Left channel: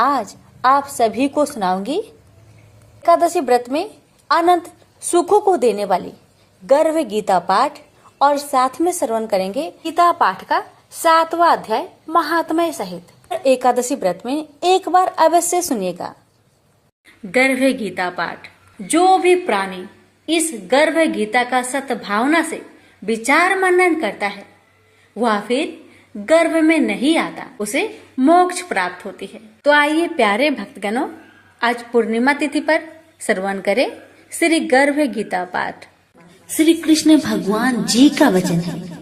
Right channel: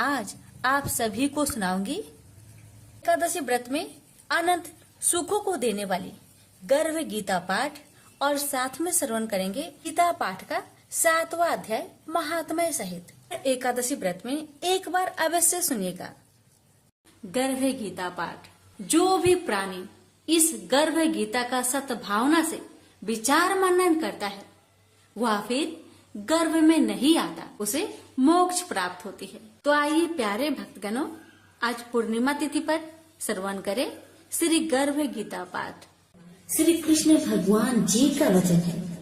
आज आप सभी को सुनाऊंगी एकादशी व्रत में अनंत सुखों को देने वाली गर्भ गीता पाठ और साथ में श्रवण करेंगे गीता पाठ का 7वां अध्याय महात्म्य सहित। एकादशी व्रत में एक बार अवश्य सुनिएगा। गर्भ गीता पाठ। जो भी प्राणी इस गर्भ गीता का सद्भावना से विचार मनन करता है वह फिर गर्भ में नहीं आता, उसे मोक्ष प्राप्त होती है। तो आइए प्यारे भक्तगणों, आज पूर्णिमा तिथि पर श्रवण करें श्री गर्भ गीता पाठ। श्री कृष्ण भगवान जी का वचन है,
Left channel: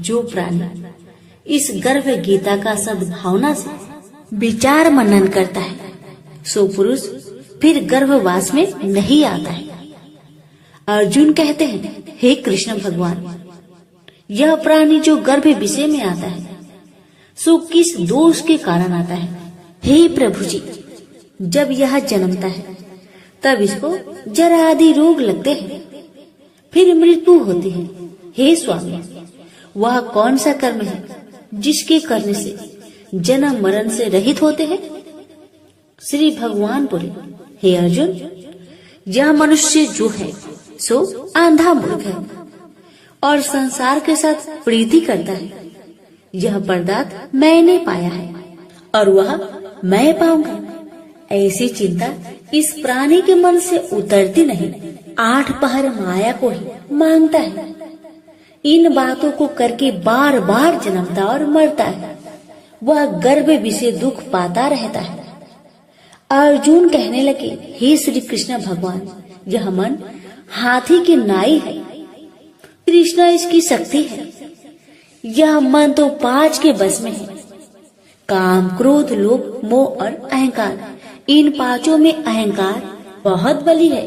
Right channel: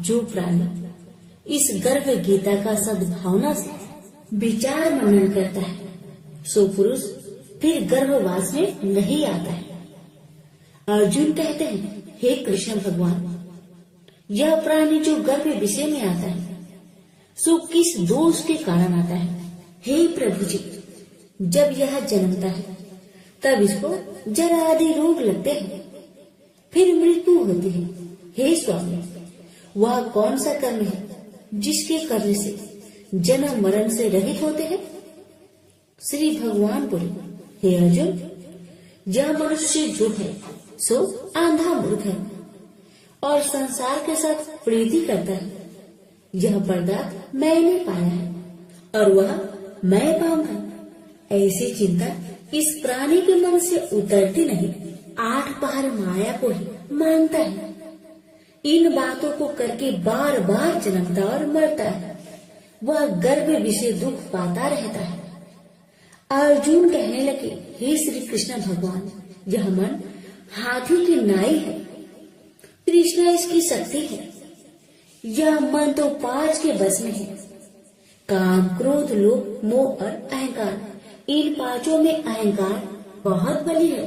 जो प्राणी इस गर्भ गीता का सद्भावना से विचार मनन करता है सो पुरुष फिर गर्भवास में नहीं आता है। अर्जुन कहते हैं, हे कृष्ण भगवान, यह प्राणी जो गर्भ विषय में आता है सो किस दोष के कारण आता है? हे प्रभु जी, जब यह जन्मता है तब इसको जरा आदि रोग लगते हैं, फिर मृत्यु होती है। हे स्वामी, वह कौन सा कर्म है जिसके करने से जन्म मरण से रहित होते हैं? श्री भगवान बोले, हे अर्जुन, यह मनुष्य जो है सो आंधा मूर्ख है और संसार के साथ प्रीति करता है। यह पदार्थ मैंने पाया है और वह मैं पाऊंगा, ऐसी चिंता इस प्राणी के मन से उतरती नहीं। 8 पहर माया को ही मांगता है। इन बातों को करके बार बार जन्मता और मरता है। वह गर्भ विषय दुख पाता रहता है। अर्जुन कहने लगे, हे श्री कृष्ण भगवान, यह मन हाथी की नाई है, कृष्ण इसकी शक्ति है। यह मन तो 5 के बस में है, काम, क्रोध, लोभ, मोह और अहंकार। इन 5 में अहंकार बहुत बली है।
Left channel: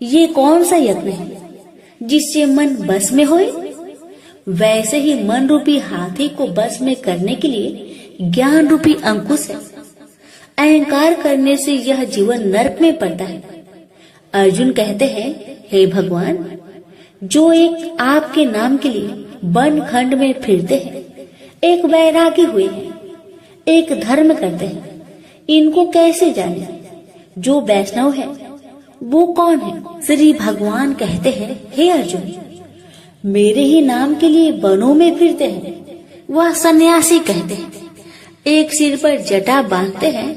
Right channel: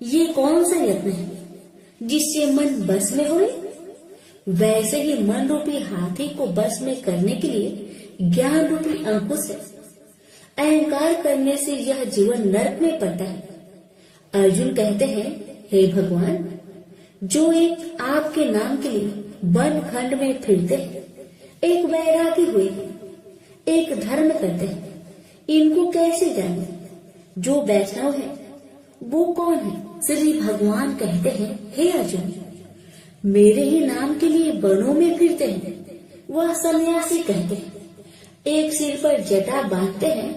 ये कौन सा यत्न है जिससे मन बस में होए? वैसे ही मन रूपी हाथी को बस में करने के लिए ज्ञान रूपी अंकुश है। अहंकार करने से यह जीवन नरक में पड़ता है। अर्जुन कहते हैं, हे भगवान, जो एक आपके नाम के लिए वन खंड में फिरते हैं, एक वैरागी हुए हैं, एक धर्म करते हैं, इनको कैसे जाने? जो वैष्णव है वो कौन है? श्री भगवान कहते हैं, हे अर्जुन, मेरे ही नाम के लिए वनों में फिरते हैं वह सन्यासी कहते हैं। एक सिर पर जटा बांधते हैं,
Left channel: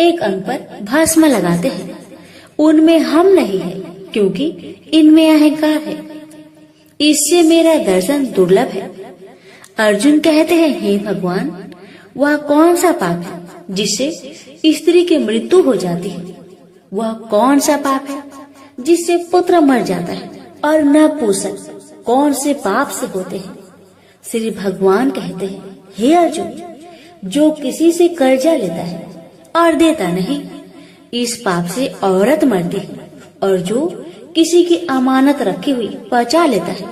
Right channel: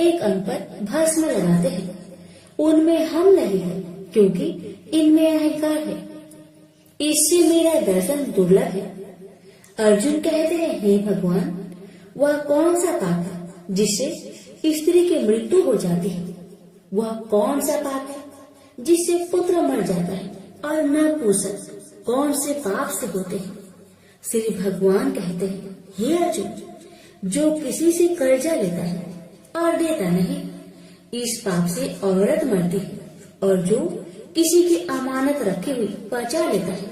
एक अंग पर भस्म लगाते हैं। उनमें हम नहीं है, क्योंकि इनमें अहंकार है। इससे मेरा दर्शन दुर्लभ है। अर्जुन कहते हैं, हे भगवान, वह कौन सा पाप है जिससे स्त्री की मृत्यु हो जाती है? वह कौन सा पाप है जिससे पुत्र मर जाता है? और नपुंसक कौन से पाप से होते हैं? श्री भगवान कहते हैं, हे अर्जुन, जो किसी से कर्जा लेता है और देता नहीं, इस पाप से औरत मरती है। और जो किसी की अमानत रखी हुई बचा लेता है,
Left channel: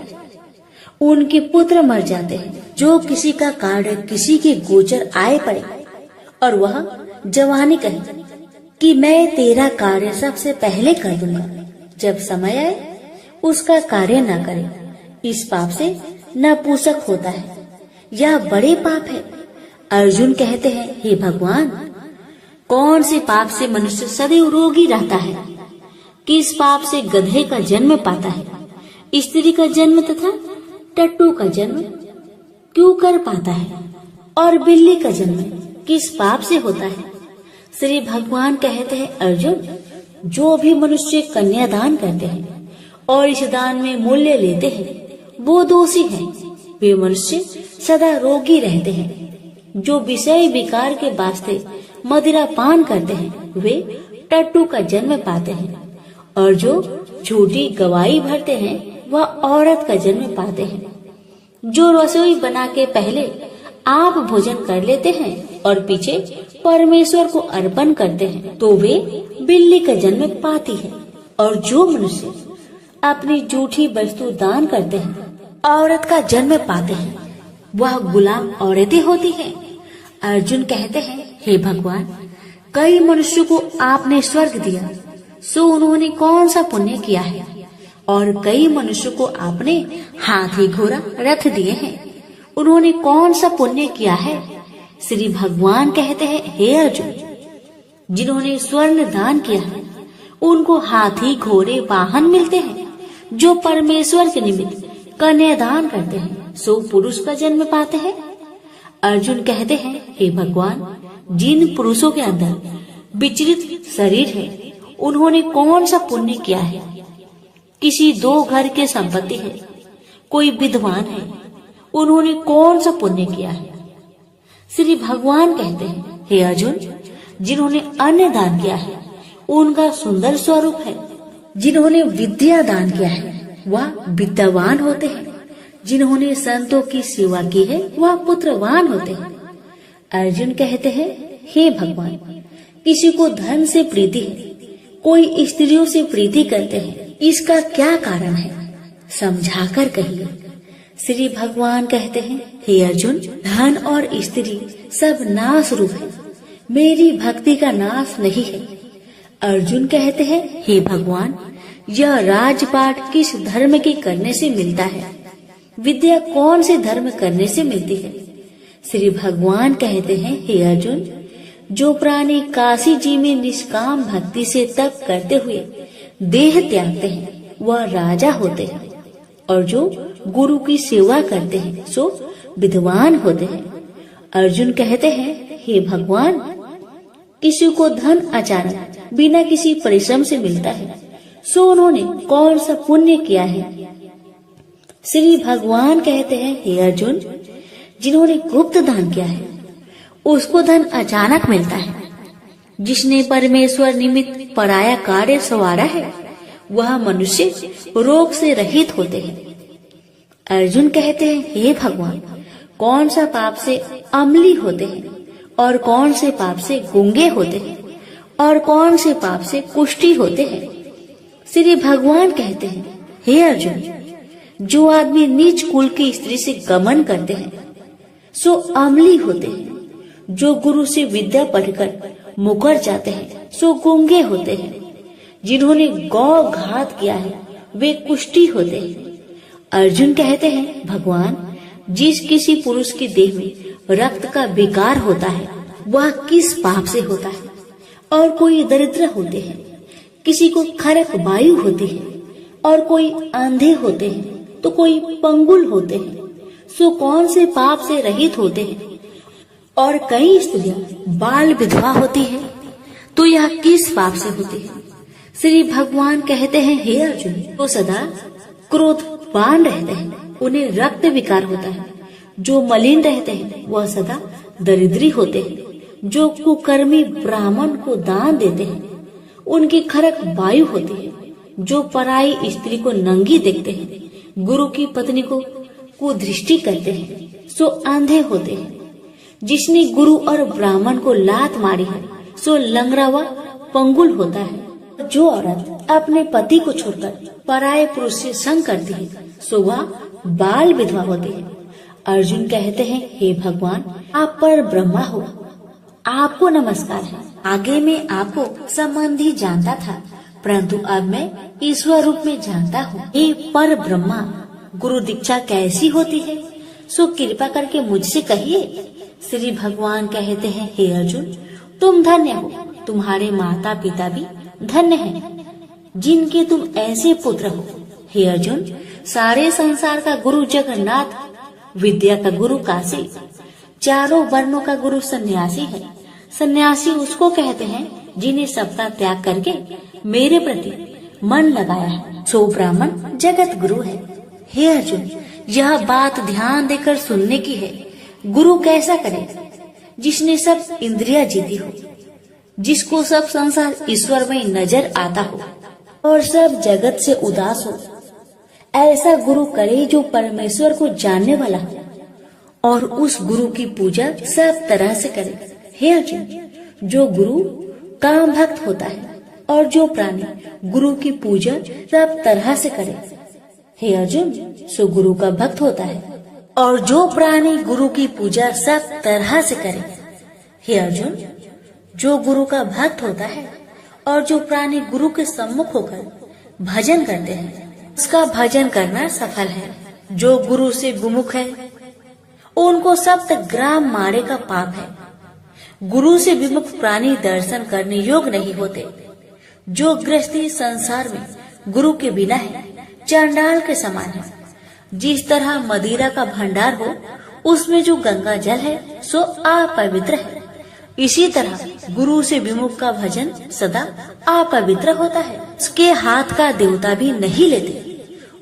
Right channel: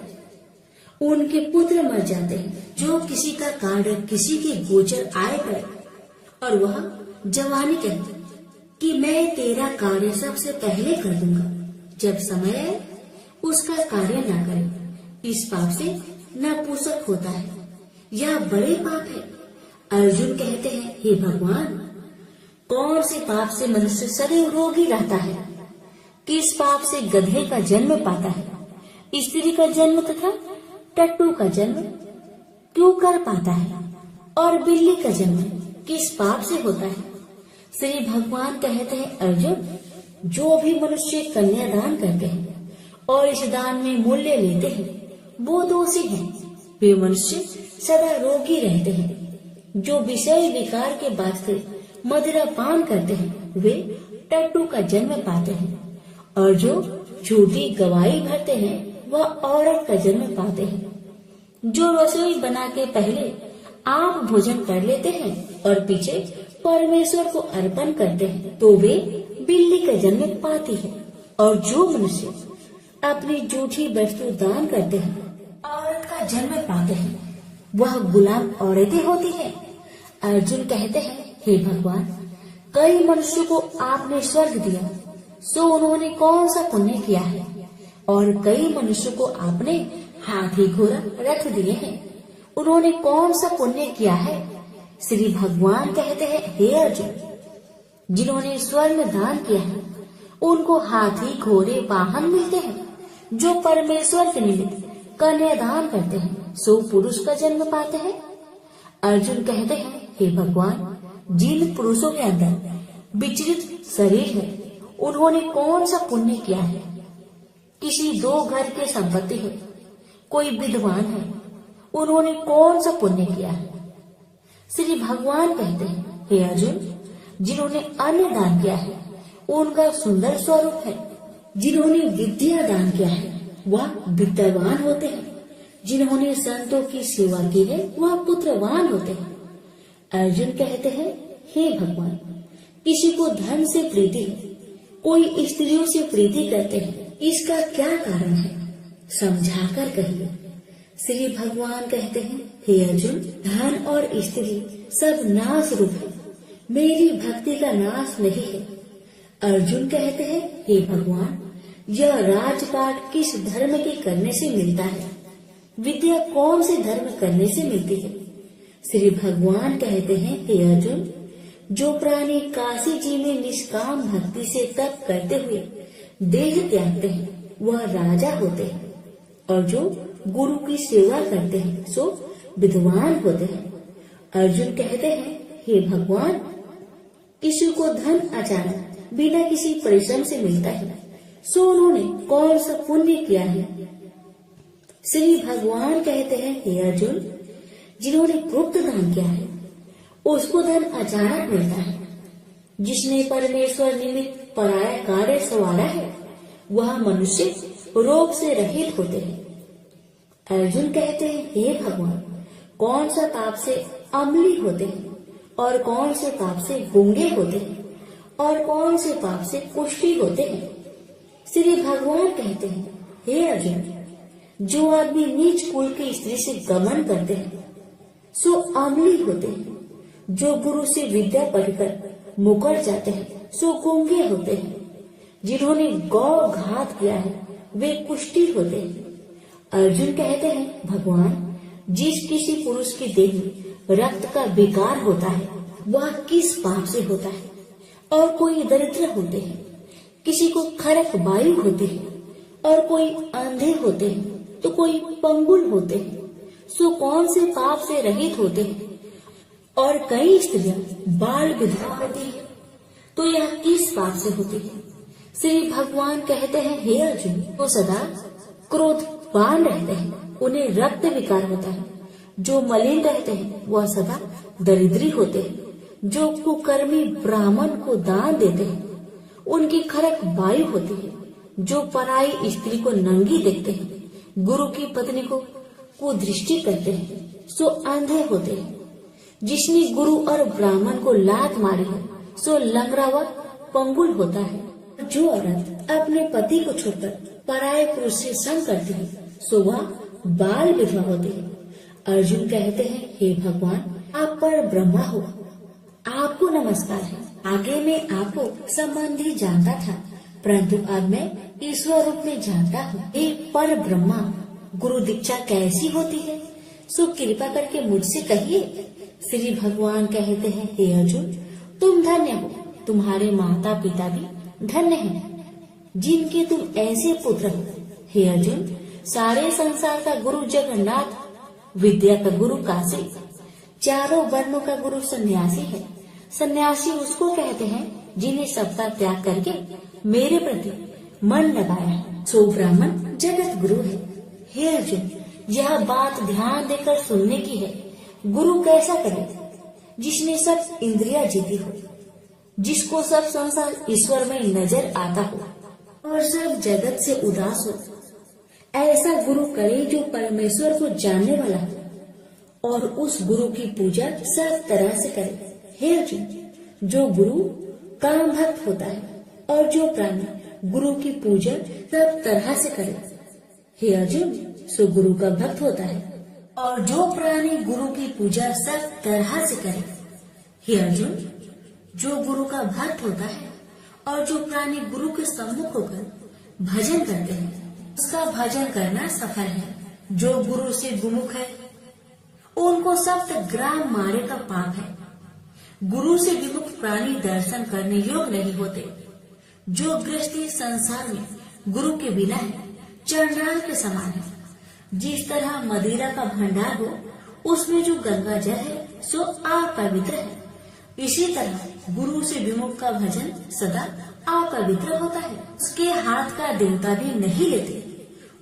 उनके पुत्र मर जाते हैं। जो किसी का कार्य किसी के गोचर आए पड़े और वह जवानी कहे कि मैं तेरा कार्य सबसे पहले कर दूंगा, जब समय आए उसका कार्य न करे, इस पाप से नपुंसक होता है। यह बड़े पाप है। अर्जुन कहते हैं, हे भगवान, कौन से पाप से मनुष्य सदैव रोगी रहता है? किस पाप से गधे का जन्म पाता है, स्त्री का जन्म तथा टट्टू का जन्म क्यों कर पाता है, और बिल्ली का जन्म किस पाप से होता है? श्री भगवान कहते हैं, अर्जुन, जो भी मनुष्य कन्यादान करते हैं और इस दान में मूल्य लेते हैं वो दोषी हैं। वे मनुष्य सदा रोगी रहते हैं। जो विषय विकार के वास्ते मदिरा पान करते हैं वे टट्टू का जन्म पाते हैं, और जो झूठी गवाही भरते हैं वह औरत का जन्म पाते हैं। जो रसोई बना के पहले आप भोजन कर लेते हैं और पीछे परमेश्वर को अर्पण करते हैं तो वे बिल्ली का जन्म पाती है। और जो मनुष्य अपनी झूठी वस्तु दान करते हैं औरत का जन्म पाते हैं, वह गुलाम औरतें होती हैं। अर्जुन कहते हैं, हे भगवान, कई मनुष्यों को आपने स्वर्ग दिया सो उन्होंने कौन सा पुण्य किया है? और कई मनुष्यों को आपने हाथी घोड़ा रथ दिए हैं, उन्होंने कौन सा पुण्य किया है? श्री भगवान कहते हैं, हे अर्जुन, जिन्होंने स्वर्ण दान किया है उनको हाथी घोड़े वाहन मिलते हैं। जो परमेश्वर के निमित्त कन्यादान करते हैं सो पुरुष का जन्म पाते हैं। अर्जुन कहते हैं, हे भगवान, जिन पुरुषों के अंदर विचलित शरीर है उन्होंने कौन सा पुण्य किया है? किसी 2 घर के संपत्ति है, कोई विद्वान है, उन्होंने कौन सा पुण्य किया है? श्री भगवान कहते हैं, हे अर्जुन, जिन्होंने अन्न दान किया है उनका सुंदर स्वरूप है। जिन्होंने विद्या दान किया है वह विद्यावान होते हैं। जिन्होंने संतों की सेवा की है वह पुत्रवान होते हैं। अर्जुन कहते हैं, हे भगवान, किसी को धन से प्रीति है, कोई स्त्रियों से प्रीति करते हैं, इसका क्या कारण है? समझाकर कहिए। श्री भगवान कहते हैं, हे अर्जुन, धन और स्त्री सब नाश रूप है, मेरी भक्ति का नाश नहीं है। अर्जुन कहते हैं, हे भगवान, यह राजपाट किस धर्म के करने से मिलता है? विद्या कौन से धर्म करने से मिलती है? श्री भगवान कहते हैं, हे अर्जुन, जो प्राणी काशी जी में निष्काम भक्ति से तप करते हुए देह त्यागते हैं वह राजा होते हैं, और जो गुरु की सेवा करते हैं सो विद्वान होते हैं। अर्जुन कहते हैं, हे भगवान, किसी को धन अचानक बिना किसी परिश्रम से मिलता है सो उन्होंने कौन सा पुण्य किया है? श्री भगवान कहते हैं, हे अर्जुन, जिन्होंने गुप्त दान किया है उसको धन अचानक मिलता है। जिसने परमेश्वर निमित्त पराया कार्य संवारा है वह मनुष्य रोग से रहित होते हैं। अर्जुन कहते हैं, हे भगवान, कौन सा पाप से अम्ली होते हैं और कौन से पाप से गूंगे होते हैं और कौन से पाप से कुष्ठी होते हैं? श्री भगवान कहते हैं, हे अर्जुन, जो आदमी नीच कुल की स्त्री से गमन करते हैं सो अम्ली होते हैं। जो गुरु से विद्या पढ़कर मुकर जाते हैं सो गूंगे होते हैं। जिन्होंने गौ घात किया है वे कुष्ठी होते हैं। अर्जुन कहते हैं, भगवान, जिस किसी पुरुष के देह में रक्त का विकार होता है वह किस पाप से होता है? और कोई दरिद्र होते हैं, किसी को खरक वायु होती है, और कोई अंधे होते हैं तो कोई पंगुल होते हैं, सो कौन से पाप से रहित होते हैं? और कई स्त्रियां बाल विधवा होती है तो यह किस पाप से होती है? श्री भगवान कहते हैं, हे अर्जुन, तो सदा क्रोधवान रहते हैं उन्हें रक्त विकार होता है। जो मलिन रहते हैं वह सदा दरिद्री होते हैं। जो कुकर्मी ब्राह्मण को दान देते हैं उनकी खरक वायु होती है। जो पराई स्त्री को नंगी देखते हैं, गुरु की पत्नी को कुदृष्टि करते हैं सो अंधे होते हैं। जिसने गुरु और ब्राह्मण को लात मारी है सो लंगड़ा व पंगुल होता है। जो औरत अपने पति को छोड़कर पराये पुरुष से संग करती है सो वह बाल विधवा होती है। अर्जुन कहते हैं, हे भगवान, आप पर ब्रह्मा हो, आपको नमस्कार है। आगे मैं आपको संबंधी जानता था परंतु अब मैं ईश्वर रूप में जानता हूँ। हे पर ब्रह्मा, गुरु दीक्षा कैसी होती है सो कृपा करके मुझसे कहिए। श्री भगवान कहते हैं, हे अर्जुन, तुम धन्य हो, तुम्हारे माता पिता भी धन्य हैं, जिनके तुम ऐसे पुत्र हो। हे अर्जुन, सारे संसार का गुरु जगन्नाथ, विद्या का गुरु काशी, चारों वर्णों का गुरु सन्यासी है। सन्यासी उसको कहते हैं जिन्हें सबका त्याग करके मेरे प्रति मन लगाया है, सो ब्राह्मण जगत गुरु है। हे अर्जुन, यह बात ध्यान देकर सुनने की है। गुरु कैसा करे? जिसने सब इंद्रियां जीती हो, जिसको सब संसार ईश्वर में नजर आता हो और सब जगत से उदास हो। ऐसा गुरु करे जो परमेश्वर को जानने वाला हो और उस गुरु की पूजा सब तरह से करे। हे अर्जुन, जो गुरु काम भक्त होता है और जो प्राणी गुरु की पूजा सब तरह से करे, हे अर्जुन, सो गुरु का भक्त होता है। और जो प्राणी गुरु की पूजा सब तरह से करे, हे अर्जुन, जो गुरु का भक्त होता है और जो प्राणी गुरु के सम्मुख होकर भजन करते हैं उसका भजन करना सफल है। जो गुरु से विमुख है उनको 7 ग्राम मारे का पाप है। गुरु से विमुख प्राणी दर्शन करने योग्य नहीं होते। जो गृहस्थी संसार में गुरु के बिना है, चांडाल के समान है। जिस तरह मदिरा का भंडार हो, उसमें जो गंगा जल है सो अपवित्र है, इसी तरह गुरु से विमुख का भजन सदा अपवित्र होता है। उसके हाथ का देवता भी नहीं लेते,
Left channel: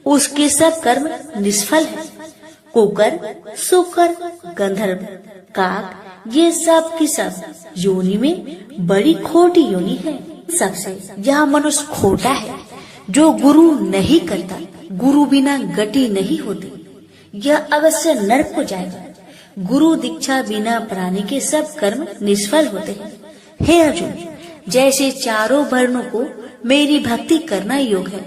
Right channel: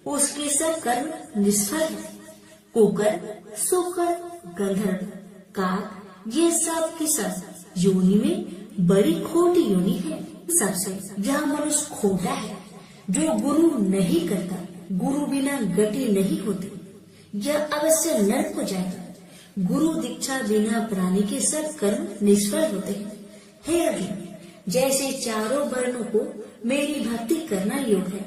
उसके सब कर्म निष्फल है। कुकर, शुकर, गंधर्व, काक, ये सब की सब योनि में बड़ी खोटी योनि है। सबसे यह मनुष्य खोटा है जो गुरु नहीं करता। गुरु बिना गति नहीं होती, यह अवश्य नरक को जाएगा। गुरु दीक्षा बिना प्राणी के सब कर्म निष्फल होते हैं। हे अर्जुन, जैसे चारों वर्णों को मेरी भक्ति करना योग है,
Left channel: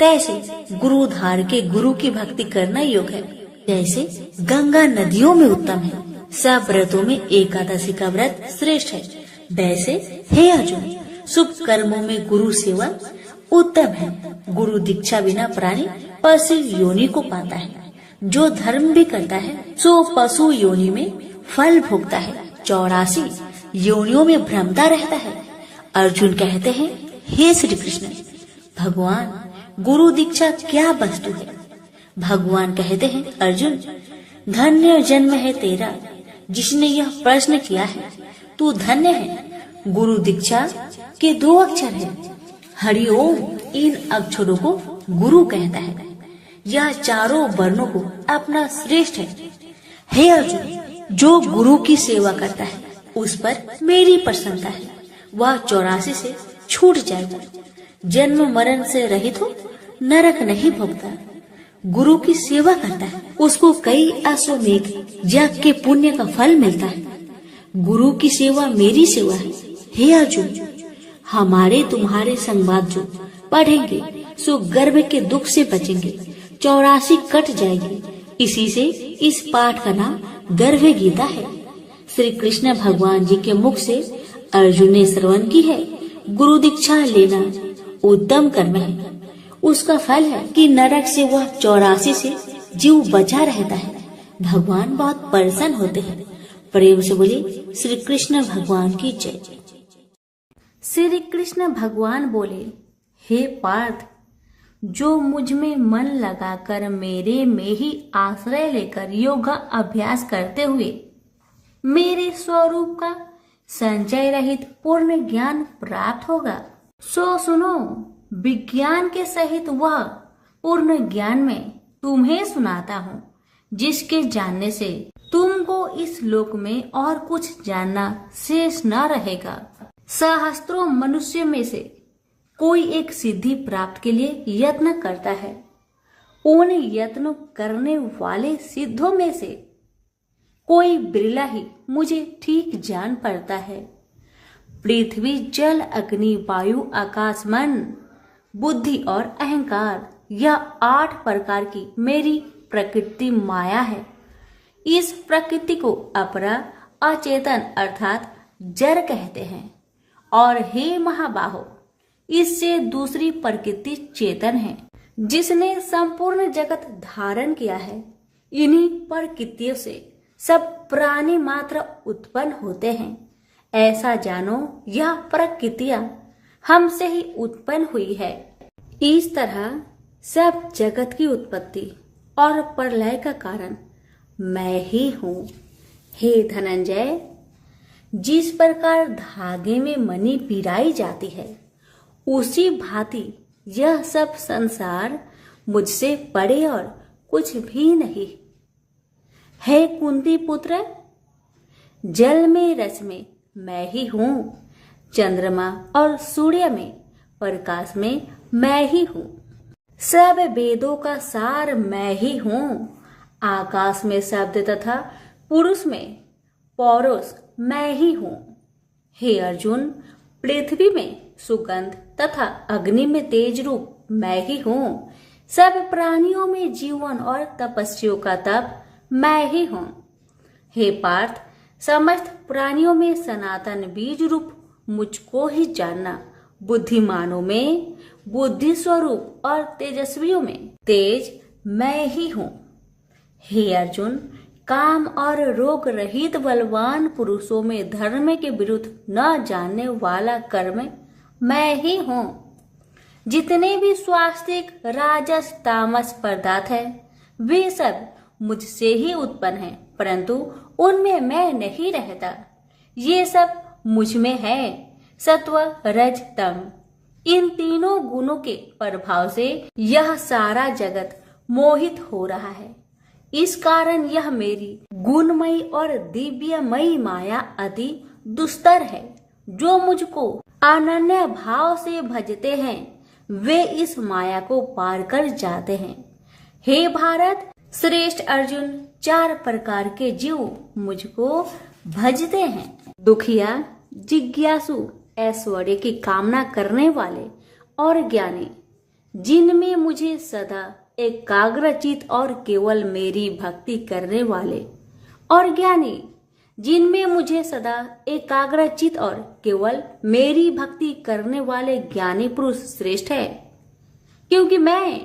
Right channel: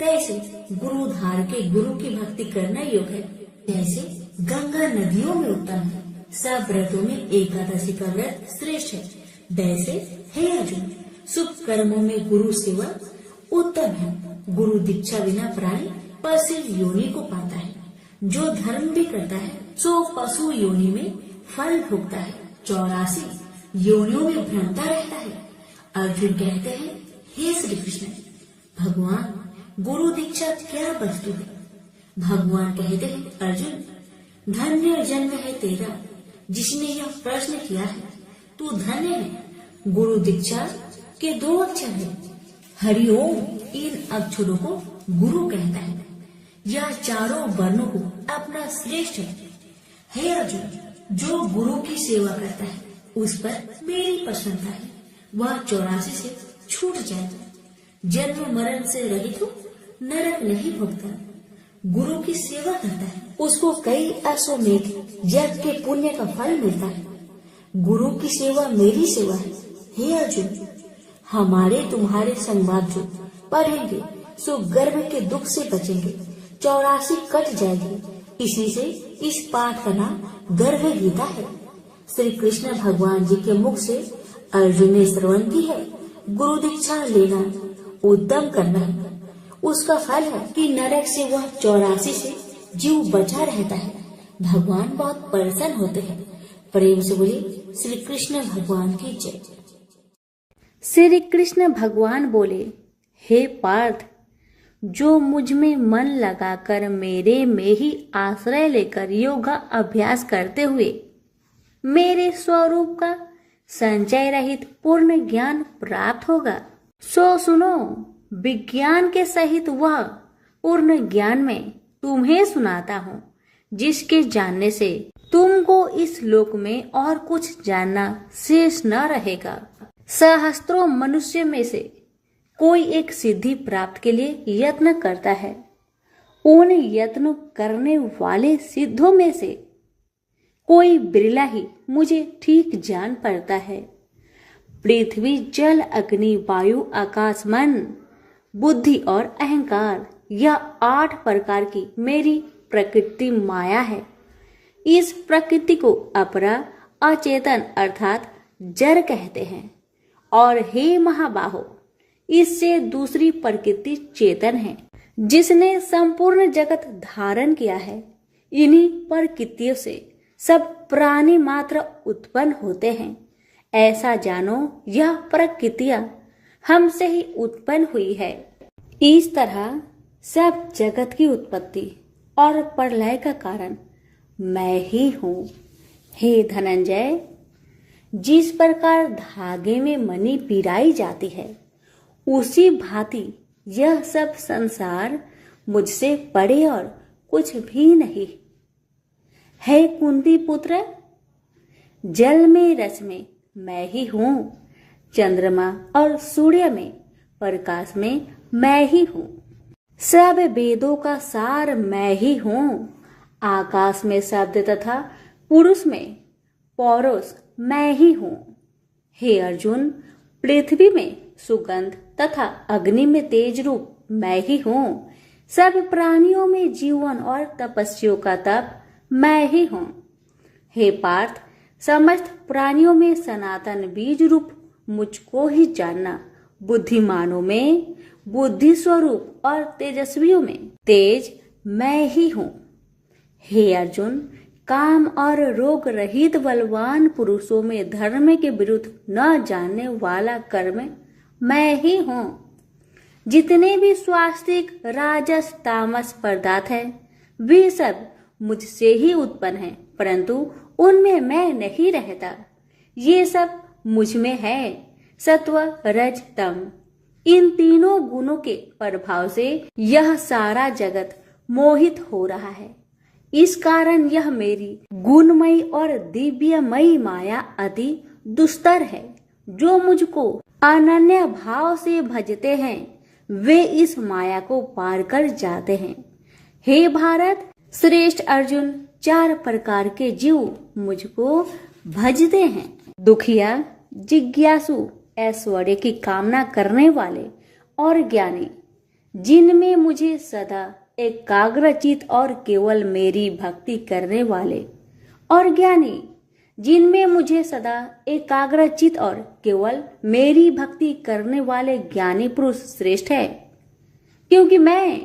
तैसे गुरु धार के गुरु की भक्ति करना योग है। जैसे गंगा नदियों में उत्तम है, सब व्रतों में एकादशी का व्रत श्रेष्ठ है, वैसे हे अर्जुन, शुभ कर्मों में गुरु सेवा उत्तम है। गुरु दीक्षा बिना प्राणी पशु योनि को पाता है। जो धर्म भी करता है सो पशु योनि में फल भोगता है, 84 योनियों में भ्रमता रहता है। अर्जुन कहते हैं, हे श्री कृष्ण, भगवान गुरु दीक्षा क्या वस्तु है? भगवान कहते हैं, अर्जुन, धन्य जन्म है तेरा जिसने यह प्रश्न किया है। तू धन्य है। गुरु दीक्षा के 2 अक्षर है, हरिओम। इन अक्षरों को गुरु कहता है। यह चारों वर्णों को अपना श्रेष्ठ है। हे अर्जुन, जो गुरु की सेवा करता है उस पर मेरी प्रसन्नता है। वह 84 से छूट जाएगा, जन्म मरण से रहित हो, नरक नहीं भोगता। गुरु की सेवा करता है, उसको कई अश्वमेध यज्ञ के पुण्य का फल मिलता है। गुरु की सेवा मेरी सेवा है। हे अर्जुन, हमारे तुम्हारे संवाद जो पढ़ेंगे सो गर्भ के दुख से बचेंगे, 84 कट जाएगी। इसी से इस पाठ का नाम गर्भ गीता है। श्री कृष्ण भगवान जी के मुख से अर्जुन ने श्रवण की है। गुरु दीक्षा लेना उत्तम कर्म है। उसका फल है कि नरक से वह 84 से जीव बचा रहता है। भगवान बहुत प्रसन्न होते हैं। प्रेम से बोले श्री कृष्ण भगवान की जय। श्री कृष्ण भगवान बोले, हे पार्थ, जो मुझ में मन लगाकर मेरे में ही आश्रय लेकर योगा अभ्यास करते हुए मेरे स्वरूप का संचय रहित पूर्ण ज्ञान प्राप्त होगा, सो सुनो, विज्ञान के सहित वह पूर्ण ज्ञान में तुम्हें सुनाता हूँ, जिसके जानने से तुमको इस लोक में और कुछ जानना शेष न रहेगा। सहस्त्रों मनुष्य में से कोई एक सिद्धि प्राप्त के लिए यत्न करता है। उन यत्न करने वाले सिद्धों में से कोई बिरला ही मुझे ठीक जान पड़ता है। पृथ्वी, जल, अग्नि, वायु, आकाश, मन, बुद्धि और अहंकार, यह 8 प्रकार की मेरी प्रकृति माया है। इस प्रकृति को अपरा अचेतन अर्थात जड़ कहते हैं। और हे महाबाहो, इससे दूसरी प्रकृति चेतन है, जिसने संपूर्ण जगत धारण किया है। इन्हीं प्रकृतियों से सब प्राणी मात्र उत्पन्न होते हैं। ऐसा जानो, यह प्रकृतियां हमसे ही उत्पन्न हुई है। इस तरह सब जगत की उत्पत्ति और प्रलय का कारण मैं ही हूँ। हे धनंजय, जिस प्रकार धागे में मणि पिराई जाती है, उसी भांति यह सब संसार मुझसे परे और कुछ भी नहीं। हे कुंती पुत्र, जल में रस में मैं ही हूँ, चंद्रमा और सूर्य में प्रकाश में मैं ही हूँ, सब वेदों का सार मैं ही हूँ, आकाश में शब्द तथा पुरुष में पौरुष मैं ही हूँ। हे अर्जुन, पृथ्वी में सुगंध तथा अग्नि में तेज रूप मैं ही हूँ, सब प्राणियों में जीवन और तपस्वियों का तप मैं ही हूँ। हे पार्थ, समस्त प्राणियों में सनातन बीज रूप मुझको ही जानना, बुद्धिमानों में बुद्धि स्वरूप और तेजस्वियों में तेज मैं ही हूँ। हे अर्जुन, काम और रोग रहित बलवान पुरुषों में धर्म के विरुद्ध न जानने वाला कर्म मैं ही हूँ। जितने भी स्वास्तिक राजस तामस पदार्थ है वे सब मुझसे ही उत्पन्न हैं, परंतु उनमें मैं नहीं रहता। ये सब मुझ में है। सत्व रज तम इन तीनों गुणों के प्रभाव से यह सारा जगत मोहित हो रहा है। इस कारण यह मेरी गुणमयी और दिव्यमयी माया अति दुस्तर है। जो मुझको अनन्य भाव से भजते हैं वे इस माया को पार कर जाते हैं। हे भारत श्रेष्ठ अर्जुन, 4 प्रकार के जीव मुझको भजते हैं। दुखिया, जिज्ञासु, ऐश्वर्य की कामना करने वाले और ज्ञानी, जिनमें मुझे सदा एकाग्रचित और केवल मेरी भक्ति करने वाले, और ज्ञानी जिनमें मुझे सदा एकाग्रचित और केवल मेरी भक्ति करने वाले ज्ञानी पुरुष श्रेष्ठ है, क्योंकि मैं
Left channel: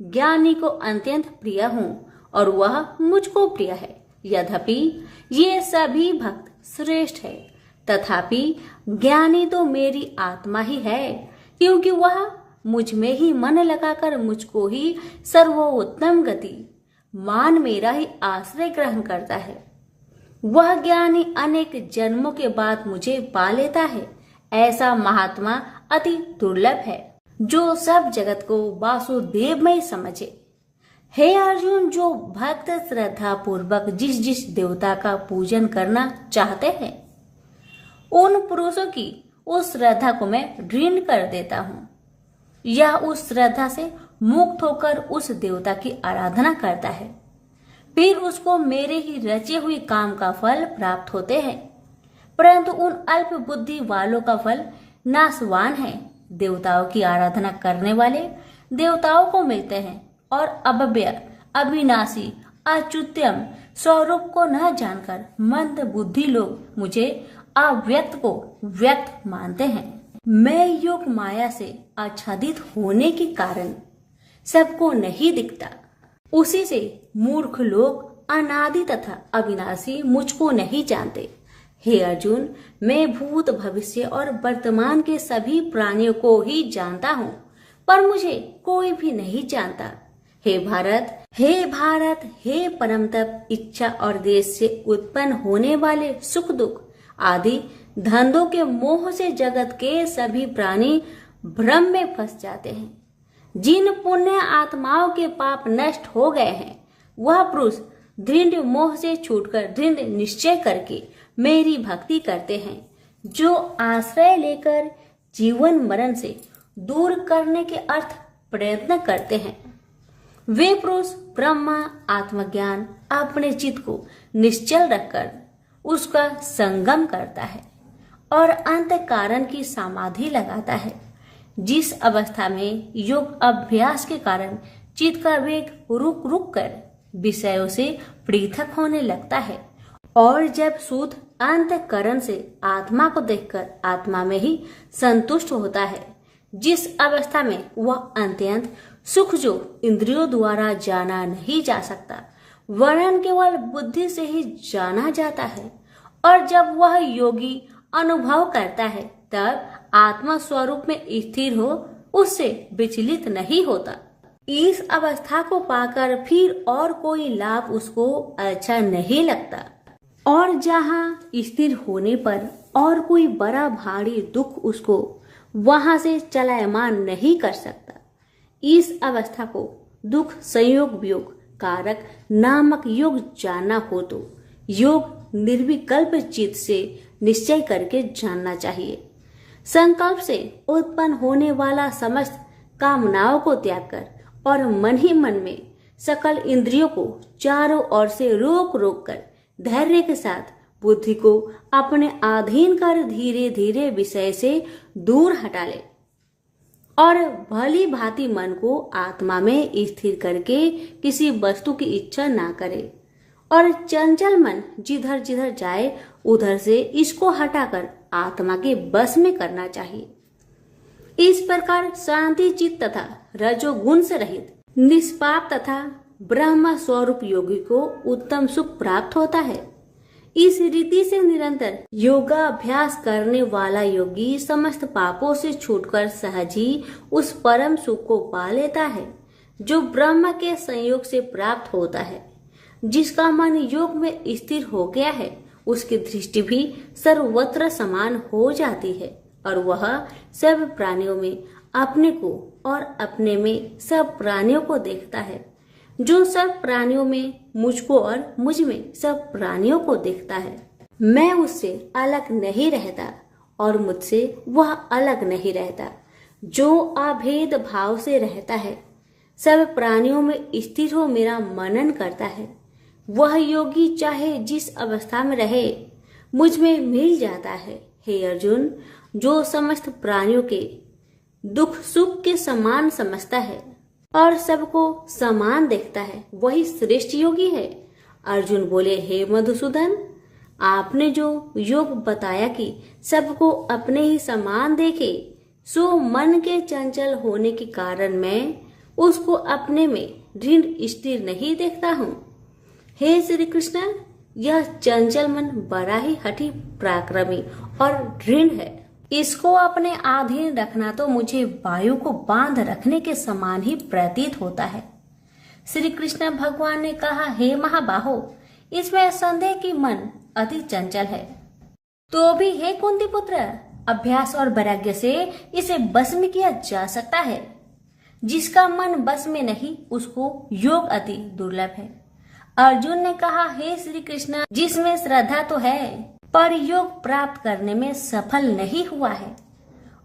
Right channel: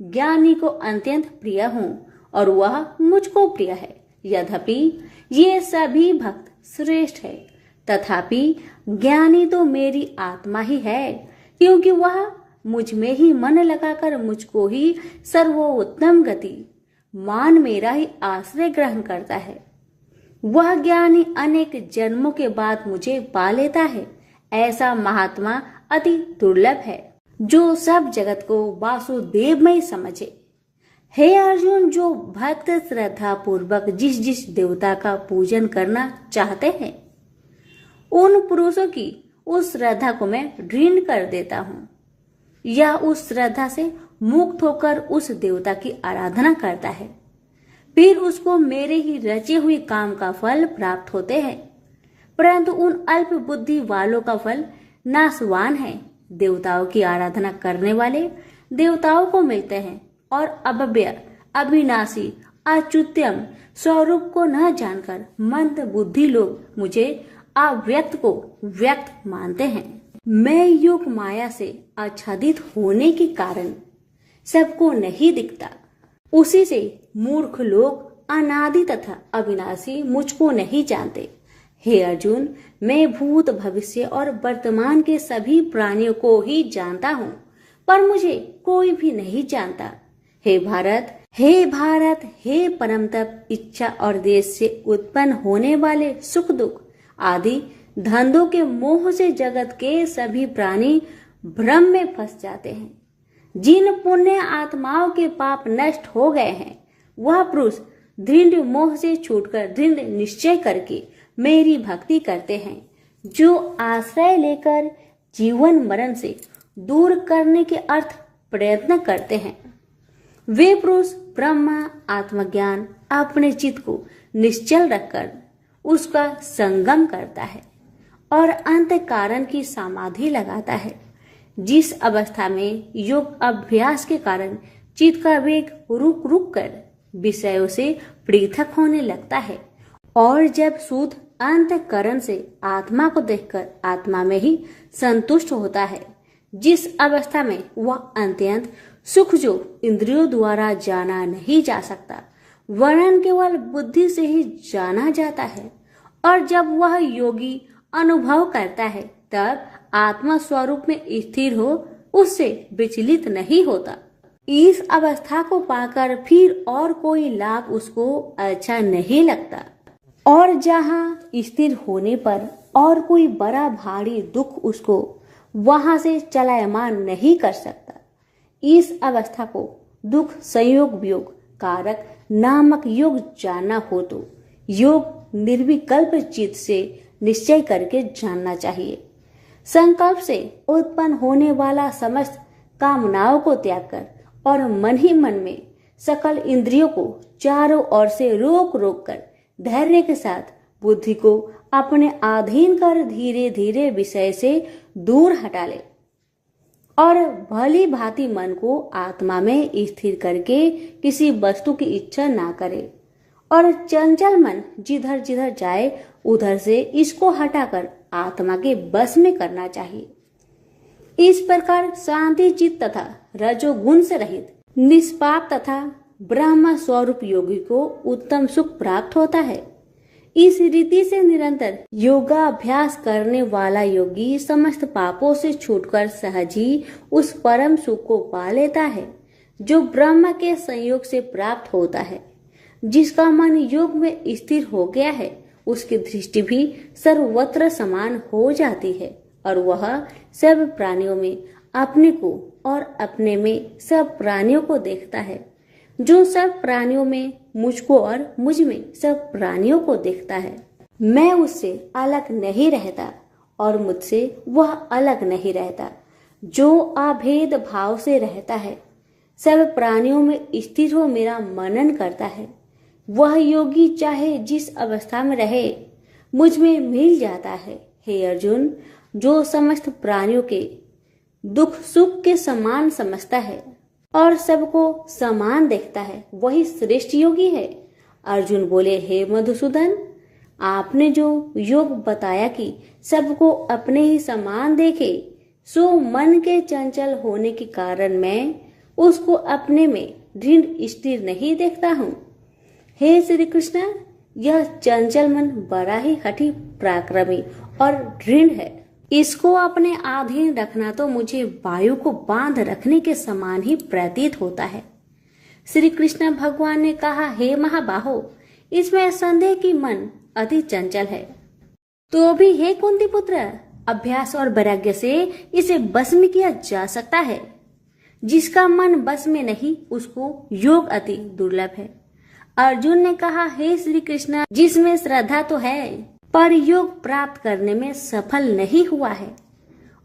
ज्ञानी को अत्यंत प्रिय हूँ और वह मुझको प्रिय है। यद्यपि ये सभी भक्त श्रेष्ठ है, तथापि ज्ञानी तो मेरी आत्मा ही है, क्योंकि वह मुझ में ही मन लगाकर मुझको ही सर्वोत्तम गति मान मेरा ही आश्रय ग्रहण करता है। वह ज्ञानी अनेक जन्मों के बाद मुझे पा लेता है। ऐसा महात्मा अति दुर्लभ है जो सब जगत को वासुदेवमय समझे। हे अर्जुन, जो भक्त श्रद्धा पूर्वक जिस जिस देवता का पूजन करना चाहते हैं उन पुरुषों की उस श्रद्धा को मैं ऋण कर देता हूँ। यह उस श्रद्धा से मुक्त होकर उस देवता की आराधना करता है, फिर उसको मेरे ही रचे हुए काम का फल प्राप्त होते हैं। परंतु उन अल्प बुद्धि वालों का फल नाशवान है। देवताओं की आराधना करने वाले देवताओं को मिलते हैं और अव्यय, अविनाशी, अच्युत्यम स्वरूप को न जानकर मंद बुद्धि लोग मुझे अव्यक्त को व्यक्त मानते हैं। मैं योग माया से आच्छादित होने के कारण सबको नहीं दिखता। उसी से मूर्ख लोग अनादि तथा अविनाशी मुझको नहीं जानते। हे अर्जुन, मैं भूत भविष्य और वर्तमान के सभी प्राणियों को ही जानता हूँ, पर मुझे कोई भी नहीं जानता। हे भारत, हे परम तप, इच्छा और देश से उत्पन्न होने वाले सुख दुख आदि धंधों के मोह से जगत के सभी प्राणी भ्रम में फंस जाते हैं। जिन पुण्य आत्माओं के पाप नष्ट हो गए हैं वह पुरुष दृढ़ मोह से छूटकर दृढ़ निश्चय करके मेरी भक्ति करते हैं, जो आश्रय लेकर जीवन मरण से दूर करने के अर्थ प्रयत्न करते हैं। वे पुरुष ब्रह्मा आत्मज्ञान अपने चित्त को निश्चल रखकर उसका संगम करता है और अंत कारण की समाधि लगाता है, जिस अवस्था में योग अभ्यास के कारण चित्त का वेग रुक रुक कर विषयों से पृथक होने लगता है और जब शुद्ध अंतःकरण से आत्मा को देखकर आत्मा में ही संतुष्ट होता है, जिस अवस्था में वह अत्यंत सुख जो इंद्रियों द्वारा जाना नहीं जा सकता वरन केवल बुद्धि से ही जाना जाता है, और जब वह योगी अनुभव करता है तब आत्मा स्वरूप में स्थिर हो उससे विचलित नहीं होता। इस अवस्था को पाकर फिर और कोई लाभ उसको अच्छा नहीं लगता, और जहाँ स्थिर होने पर और कोई बड़ा भारी दुख उसको वहां से चलायमान नहीं कर सकता। इस अवस्था को दुख संयोग वियोग कारक नामक योग जानना हो तो योग निर्विकल्प चित्त से निश्चय करके जानना चाहिए। संकल्प से उत्पन्न होने वाला समस्त कामनाओं को त्याग कर और मन ही मन में सकल इंद्रियों को चारों ओर से रोक रोक कर धैर्य के साथ बुद्धि को अपने अधीन कर धीरे धीरे विषय से दूर हटा ले और भली भांति मन को आत्मा में स्थिर करके किसी वस्तु की इच्छा ना करे और चंचल मन जिधर जिधर जाए उधर से इसको हटाकर आत्मा के बस में करना चाहिए। इस प्रकार शांति चित्त तथा रजोगुण से रहित निष्पाप तथा ब्रह्म स्वरूप योगी को उत्तम सुख प्राप्त होता है। इस रीति से निरंतर योगाभ्यास करने वाला योगी समस्त पापों से छूटकर सहज ही उस परम सुख को पा लेता है जो ब्रह्म के संयोग से प्राप्त होता है। जिसका मन योग में स्थिर हो गया है उसकी दृष्टि भी सर्वत्र समान हो जाती है और वह सब प्राणियों में अपने को और अपने में सब प्राणियों को देखता है। जो सब प्राणियों में मुझको और मुझ में सब प्राणियों को देखता है। मैं उससे अलग नहीं रहता और मुझसे वह अलग नहीं रहता। जो अभेद भाव से रहता है, सब प्राणियों में स्थिर हो मेरा मनन करता है, वह योगी चाहे जिस अवस्था में रहे मुझ में मिल जाता है। हे अर्जुन, जो समस्त प्राणियों के दुख सुख के समान समझता है और सबको समान देखता है वही श्रेष्ठ योगी है। अर्जुन बोले, हे मधुसूदन, आपने जो योग बताया कि सबको अपने ही समान देखे, सो मन के चंचल होने के कारण मैं उसको अपने में दृढ़ स्थिर नहीं देखता हूँ। हे श्री कृष्ण, यह चंचल मन बड़ा ही हठी पराक्रमी और दृढ़ है। इसको अपने अधीन रखना तो मुझे वायु को बांध रखने के समान ही प्रतीत होता है। श्री कृष्ण भगवान ने कहा, हे महाबाहो, इसमें संदेह की मन अति चंचल है। तो भी हे कुंती पुत्र, अभ्यास और वैराग्य से इसे बस में किया जा सकता है। जिसका मन बस में नहीं उसको योग अति दुर्लभ है। अर्जुन ने कहा, हे श्री कृष्ण, जिसमें श्रद्धा तो है पर योग प्राप्त करने में सफल नहीं हुआ है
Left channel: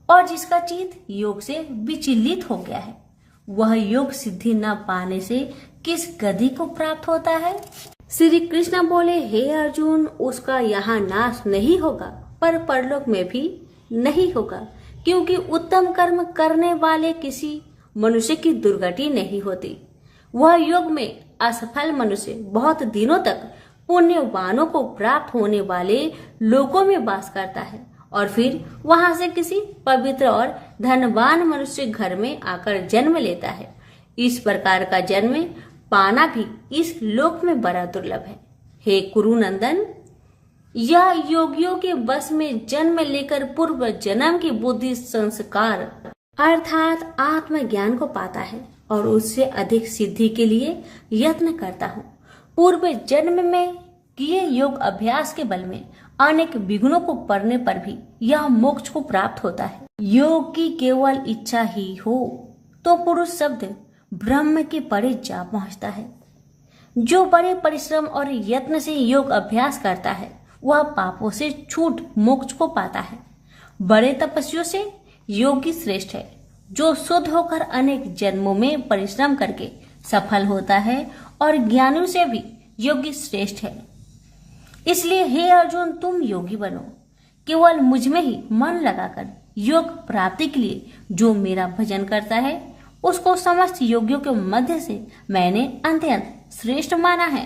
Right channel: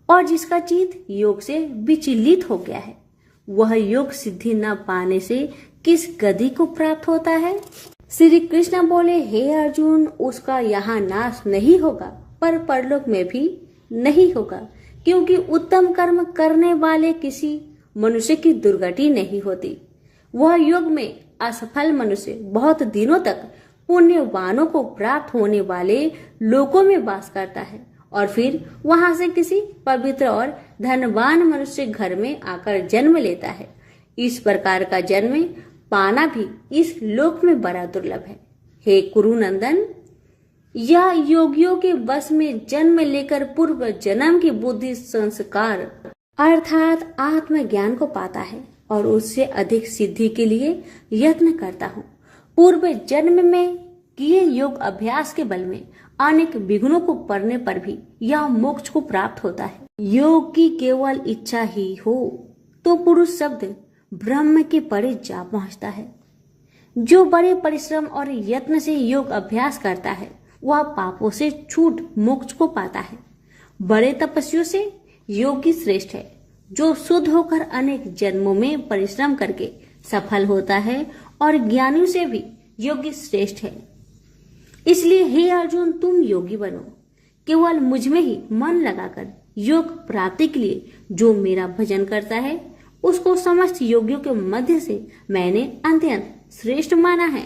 और जिसका चित्त योग से विचलित हो गया है, वह योग सिद्धि न पाने से किस गति को प्राप्त होता है? श्री कृष्ण बोले, हे अर्जुन, उसका यहाँ नाश नहीं होगा पर परलोक में भी नहीं होगा, क्योंकि उत्तम कर्म करने वाले किसी मनुष्य की दुर्गति नहीं होती। वह योग में असफल मनुष्य बहुत दिनों तक पुण्यवानों को प्राप्त होने वाले लोकों में वास करता है और फिर वहां से किसी पवित्र और धनवान मनुष्य घर में आकर जन्म लेता है। इस प्रकार का जन्म पाना भी इस लोक में बड़ा दुर्लभ है। हे कुरुनंदन, यह योगियों के बस में जन्म लेकर पूर्व जन्म की बुद्धि संस्कार अर्थात आत्मज्ञान को पाता है और उससे अधिक सिद्धि के लिए यत्न करता हूँ। पूर्व जन्म में किए योग अभ्यास के बल में अनेक विघ्नों को पड़ने पर भी यह मोक्ष को प्राप्त होता है। योग की केवल इच्छा ही हो तो पुरुष शब्द ब्रह्म के परे जा पहुंचता है। जो बड़े परिश्रम और यत्न से योग अभ्यास करता है वह पापों से छूट मोक्ष को पाता है। बड़े तपस्वियों से योगी श्रेष्ठ है। जो शुद्ध होकर अनेक जन्मों में परिश्रम करके सफल होता है और ज्ञानियों से भी योगी श्रेष्ठ है। इसलिए हे अर्जुन, तुम योगी बनो। केवल मुझ में ही मन लगाकर योग प्राप्ति के लिए जो मेरा भजन करता है उसको समस्त योगियों के मध्य से मैंने अत्यंत श्रेष्ठ माना है।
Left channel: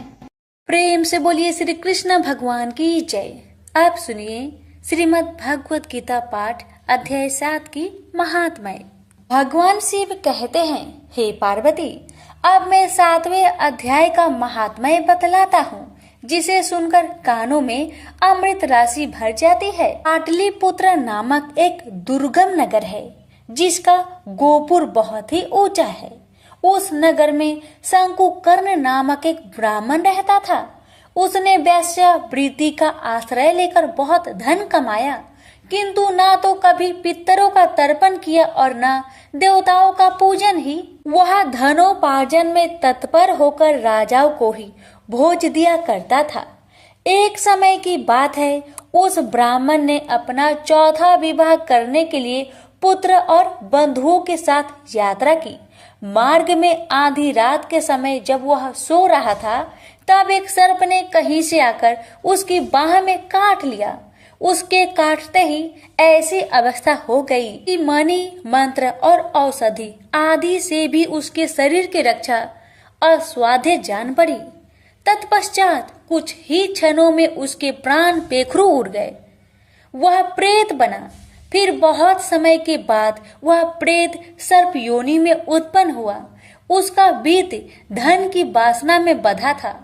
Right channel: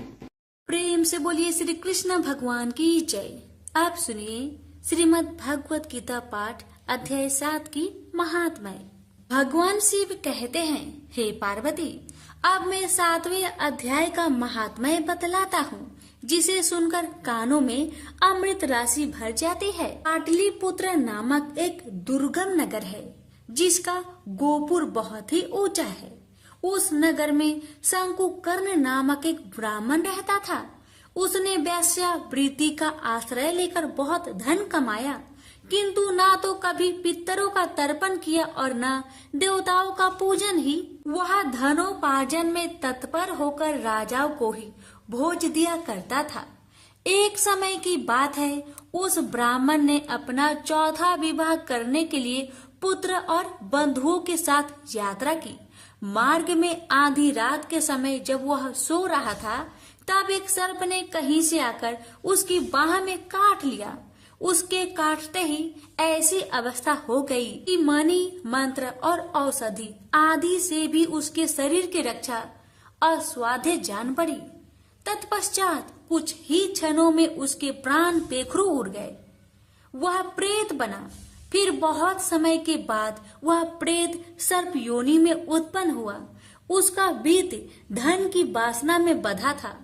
प्रेम से बोलिए श्री कृष्ण भगवान की जय। आप सुनिए श्रीमद् भगवत गीता पाठ अध्याय 7 की महात्म्य। भगवान शिव कहते हैं, हे पार्वती, अब मैं 7वें अध्याय का महात्म्य बतलाता हूँ, जिसे सुनकर कानों में अमृत राशि भर जाती है। पाटलिपुत्र नामक एक दुर्गम नगर है जिसका गोपुर बहुत ही ऊंचा है। उस नगर में शंकुकर्ण नामक एक ब्राह्मण रहता था। उसने वेश्यावृत्ति का आश्रय लेकर बहुत धन कमाया, किंतु ना तो कभी पितरों का तर्पण किया और न देवताओं का पूजन ही। वह धनोपार्जन में तत्पर होकर राजाओं को ही भोज दिया करता था। एक समय की बात है, उस ब्राह्मण ने अपना चौथा विवाह करने के लिए पुत्र और बंधुओं के साथ यात्रा की। मार्ग में आधी रात के समय जब वह सो रहा था, तब एक सर्प ने कहीं से आकर उसकी बाह में काट लिया। उसके काटते ही ऐसी अवस्था हो गई कि मणि, मंत्र और औषधि आदि से भी उसके शरीर की रक्षा असाध्य जान पड़ी। तत्पश्चात कुछ ही क्षणों में उसके प्राण पेखरू उड़ गए। वह प्रेत बना। फिर बहुत समय के बाद वह प्रेत सर्प योनि में उत्पन्न हुआ। उसका बीत धन की वासना में बंधा था।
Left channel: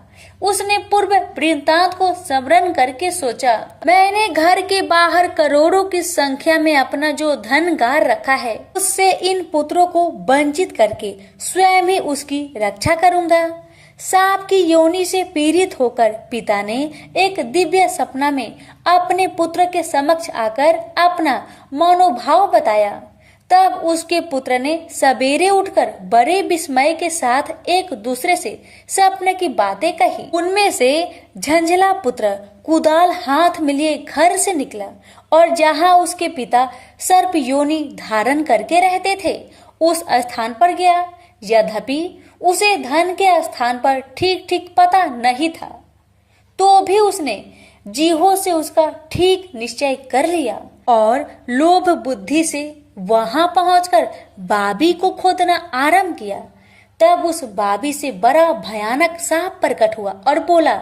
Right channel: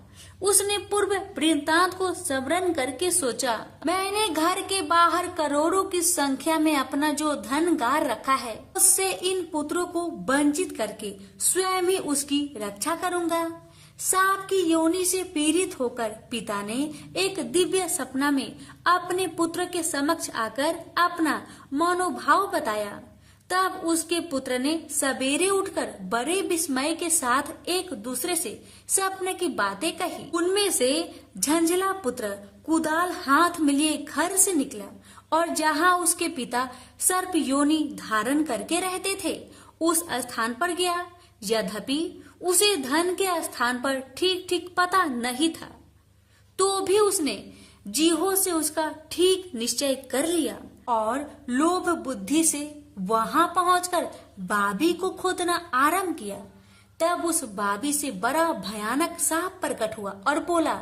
उसने पूर्व वृत्तांत को स्मरण करके सोचा, मैंने घर के बाहर करोड़ों की संख्या में अपना जो धन गार रखा है, उससे इन पुत्रों को वंचित करके स्वयं ही उसकी रक्षा करूंगा। सांप की योनि से पीड़ित होकर पिता ने एक दिव्य सपना में अपने पुत्र के समक्ष आकर अपना मनोभाव बताया। तब उसके पुत्र ने सवेरे उठकर बड़े विस्मय के साथ एक दूसरे से सपने की बातें कही। उनमें से झंझला पुत्र कुदाल हाथ में लिए घर से निकला और जहां उसके पिता सर्प योनि धारण करके रहते थे, उस स्थान पर गया। यद्यपि उसे धन के स्थान पर ठीक ठीक पता नहीं था, तो भी उसने जीहो से उसका ठीक निश्चय कर लिया और लोभ बुद्धि से वहां पहुंचकर बाबी को खोदना आरंभ किया। तब उस बाबी से बड़ा भयानक सांप प्रकट हुआ और बोला,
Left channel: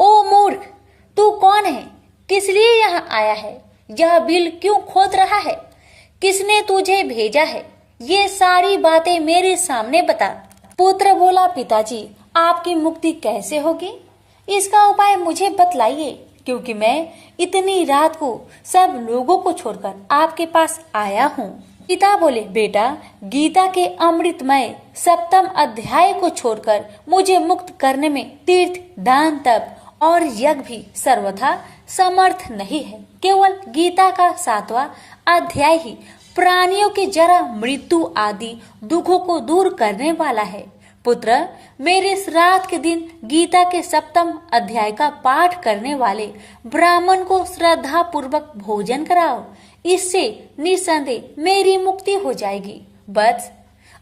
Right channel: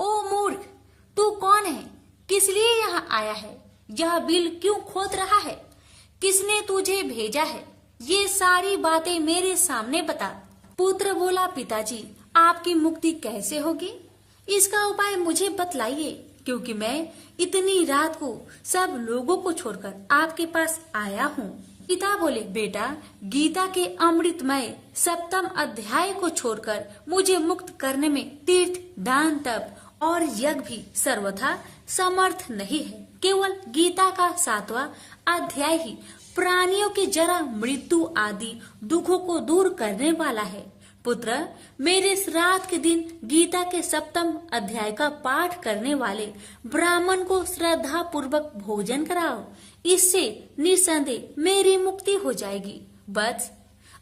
ओ मूर्ख, तू कौन है? किस लिए यहाँ आया है? यह बिल क्यों खोद रहा है? किसने तुझे भेजा है? ये सारी बातें मेरे सामने बता। पुत्र बोला, पिताजी, आपकी मुक्ति कैसे होगी? इसका उपाय मुझे बतलाइए, क्योंकि मैं इतनी रात को सब लोगों को छोड़कर आपके पास आया हूँ। पिता बोले, बेटा, गीता के अमृतमय 7वें अध्याय को छोड़कर मुझे मुक्त करने में तीर्थ, दान, तप और यज्ञ भी सर्वथा समर्थ नहीं है। केवल गीता का 7वां अध्याय ही प्राणियों के जरा मृत्यु आदि दुखों को दूर करने वाला है। पुत्र, मेरे श्राद्ध के दिन गीता के 7वें अध्याय का पाठ करने वाले ब्राह्मण को श्रद्धा पूर्वक भोजन कराओ। इससे निसंदेह मेरी मुक्ति हो जाएगी। बस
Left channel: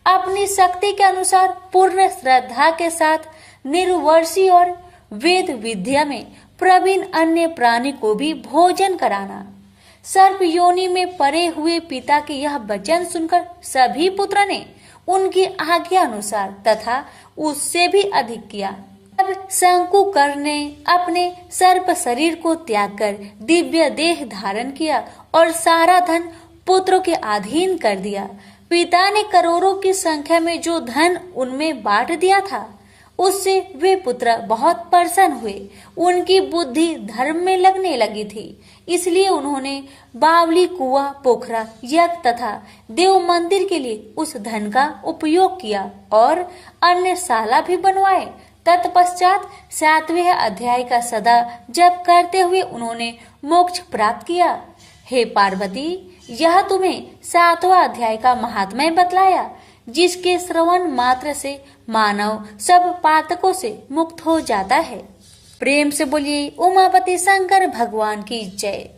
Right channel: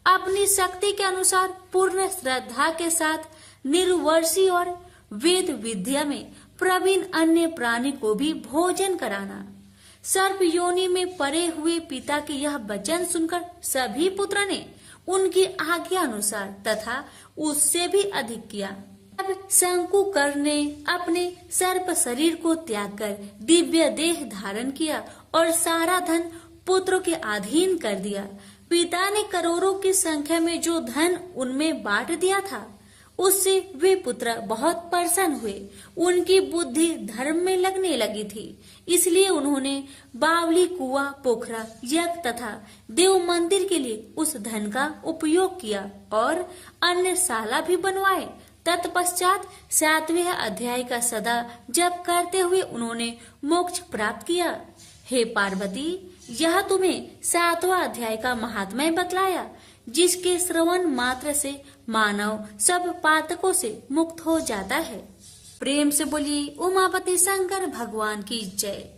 अपनी शक्ति के अनुसार पूर्ण श्रद्धा के साथ निर्वर्षी और वेद विद्या में प्रवीण अन्य प्राणी को भी भोजन कराना। सर्प योनि में पड़े हुए पिता के यह वचन सुनकर सभी पुत्र ने उनकी आज्ञा अनुसार तथा उससे भी अधिक किया। अब शंकुकर ने अपने सर्प शरीर को त्याग कर दिव्य देह धारण किया और सारा धन पुत्रों के अधीन कर दिया। पिता ने करोड़ों की संख्या में जो धन उनमें बांट दिया था, उससे वे पुत्र बहुत प्रसन्न हुए। उनकी बुद्धि धर्म में लगने लगी थी, इसलिए उन्होंने बावली, कुआं, पोखरा, यज्ञ तथा देव मंदिर के लिए उस धन का उपयोग किया और अन्य शाला भी बनवाए। तत्पश्चात 7वें अध्याय का सदा जप करते हुए उन्होंने मोक्ष प्राप्त किया। हे पार्वती, यह तुम्हें 7वां अध्याय का महात्म्य बतलाया, जिसके श्रवण मात्र से मानव सब पातकों से मुक्त हो जाता है। प्रेम से बोलिए उमापति शंकर भगवान की जय।